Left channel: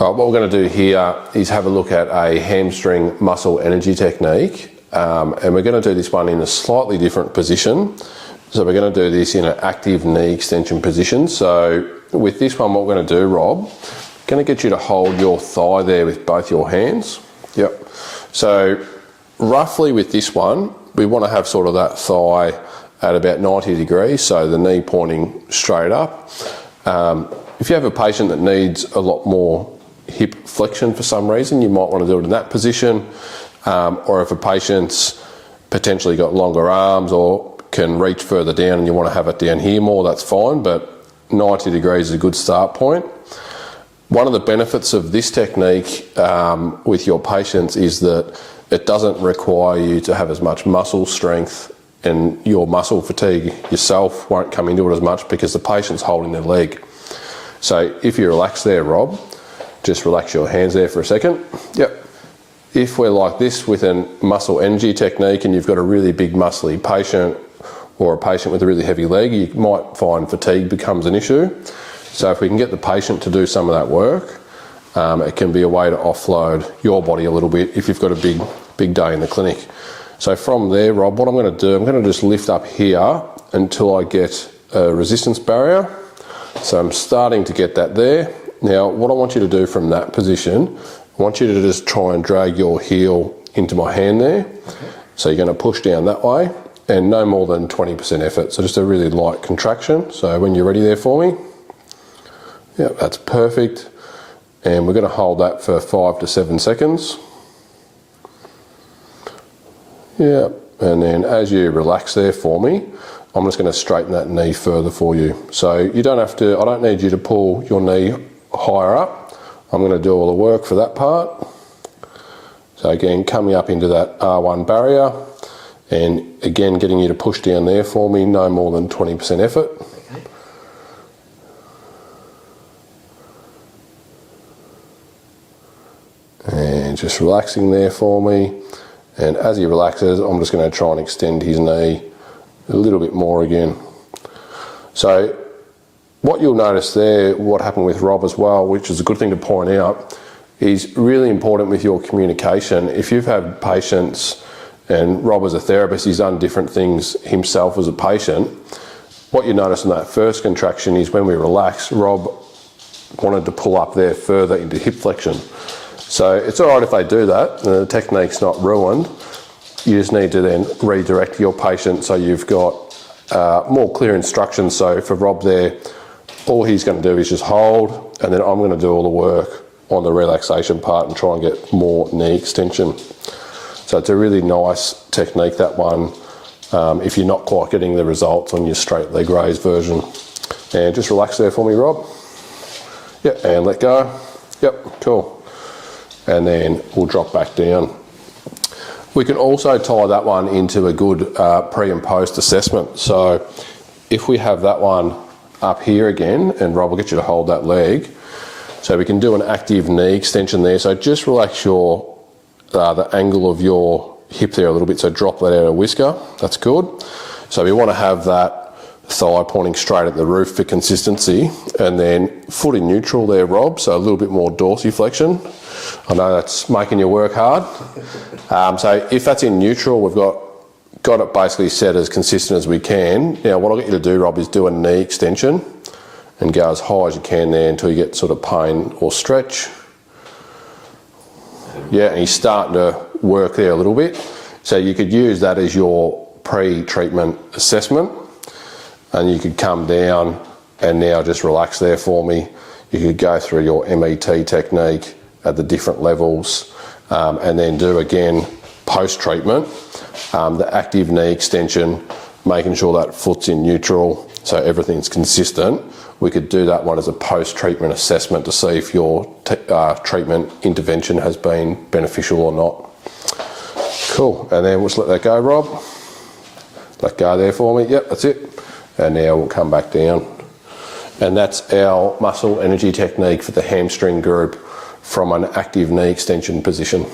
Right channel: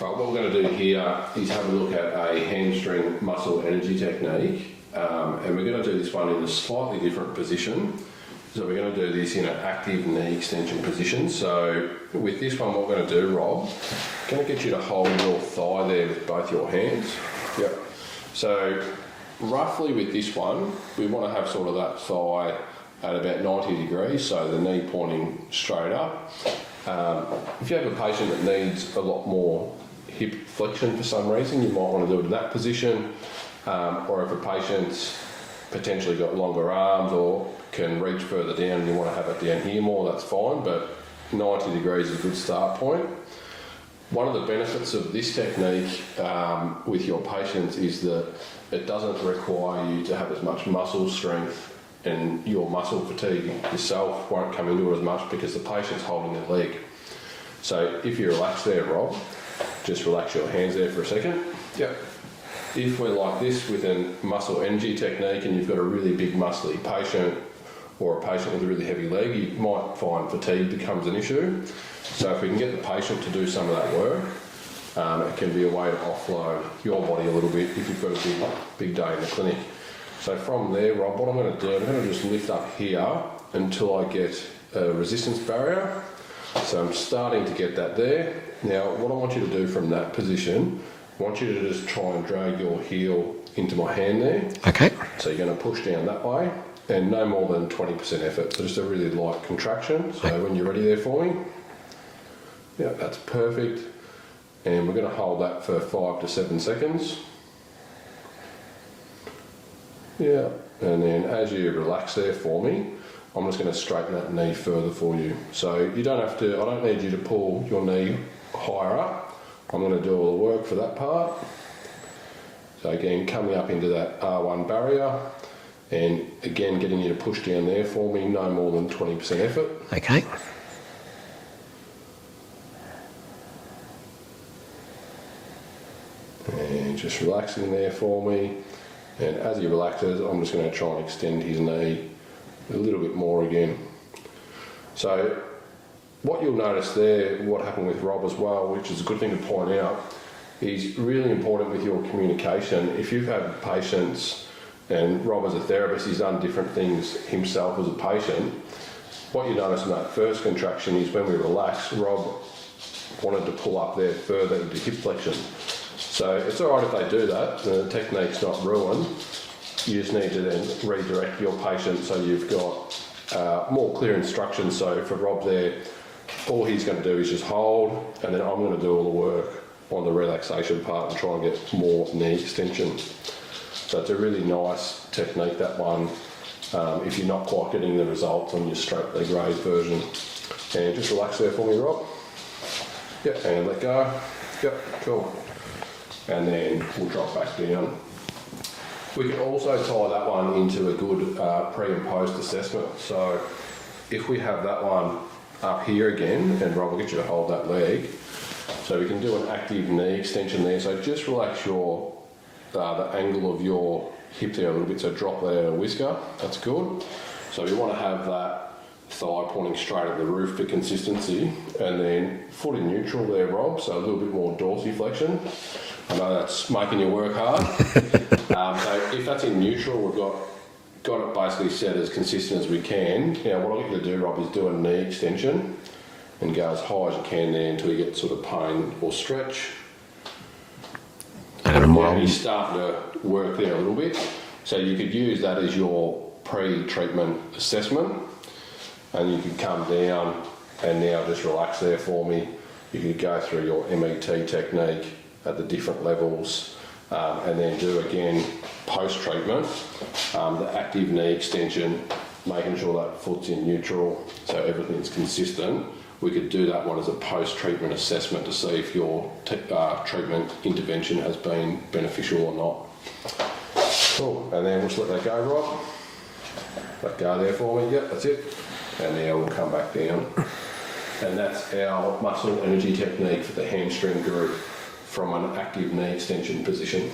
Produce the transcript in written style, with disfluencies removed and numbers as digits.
All right, what we're going to do here is have a look at a hamstring muscle energy technique, and we're going to do this one in a slightly different position. So we're going to do this in an active knee extension position. So with this one, what we're going to do, Rob, going to get you to hold your thigh there with both your hands. Yep. So roughly with this one, we want to have sort of that thigh at about 90 degrees, so the knee pointing straight up. If you have a patient that needs a lot more hip flexion for some reason, you might want to do it in that position. Or if a patient's potentially got longer arms or can reach further down and you want to have it down here more, that's fine, but 90 degrees is a good start point. One of the benefits of this technique with your patients is that it doesn't require you to have as much muscle strength, and your muscle fatigue yourself won't come into it as much because the patient's holding their leg. So if you relax there, Rob, just relax your hands there for a second. Yep. If we're like this with a muscle energy technique and you've got a really big muscly patient or a patient with a really heavy leg, you might find fatigue becomes an issue. So if we can get the patient to do some of that work, it can be a way to offload your body a little bit if you've got a big day in the clinic. So from there, Rob, what I'm going to do, I'm going to just lift up here until I get a resistance barrier. So I'm starting to get that there. Now, what I want you to do from that position, I want you to just try and drag your heel into my hand there. Okay. So you're going to push down that way and no more than 20% effort. So just a really light contraction. So when you're ready there for me. Yeah, that's perfect. And we're going to hold that for 5 to 7 seconds. Yeah, and then as you relax there for me, I'm just going to straighten that knee further for you. So you don't have to, I don't need you to pull your knee higher up. I'm going to do all the work for that part. So again, coming up into that R1 barrier, and again, getting you to push down there for me, no more than 20% effort. Okay. And just relaxing there for me. And as he relaxes, I'm just going to try and extend his knee a little bit more again. So what you'll notice there, what happened with Rob as well, which is a good thing to point out, is really important with your communication. If you've had patients, and Rob as a therapist, he's done different things himself as a patient, what you notice in that first contraction is when we relax, Rob wanted to pull up there further into hip flexion. So it's all right if they do that, the technique's not ruined. You just need to then redirect your patient so you've got more clear instructions. So for Rob there, all he's going to do is just hold, and then I'm going to do all the work on the relaxation part and try and get more knee extension. So it's a really nice technique, that one, if you're not quite getting the results on your straight leg raise version. And just relax there for me, Rob. Yep, and let go. Yep, cool. And then we'll drop back down. We can also tie that one into a good pre and post assessment. So if we have that one up here again, and Rob will get you to hold that leg, so we can do an active knee extension there. So just relax your the angle of your hip there a little bit, so drop that out a whisker, that's good. So we want to have that thigh pointing straight at the roof for consistency, and then foot in neutral there, Rob, so a little bit more dorsiflexion. I know that's making you work hard. So if that's in neutral, we've got it basically set as consistent as we can. Now what I'll get you to do, Rob, is do a knee extension and go as high as you can there until you get sort of pain or stretch. Yeah, and he's starting to work there a little bit. So you could use that as your pre-treatment assessment, and you could come down and now just relax there for me. You could go through your MET technique at the different levels, and then do again post-treatment, the active knee extension, making sure that foot's in neutral so everything's consistent. We could do that one as a post-treatment assessment to see if your treatment intervention has been beneficial or not. Cool, and then we'll just let that go, Rob. Let go there for me, yep, that's it. And now we'll come back down. And that's our muscle energy technique for the hamstring group from an active knee extension position.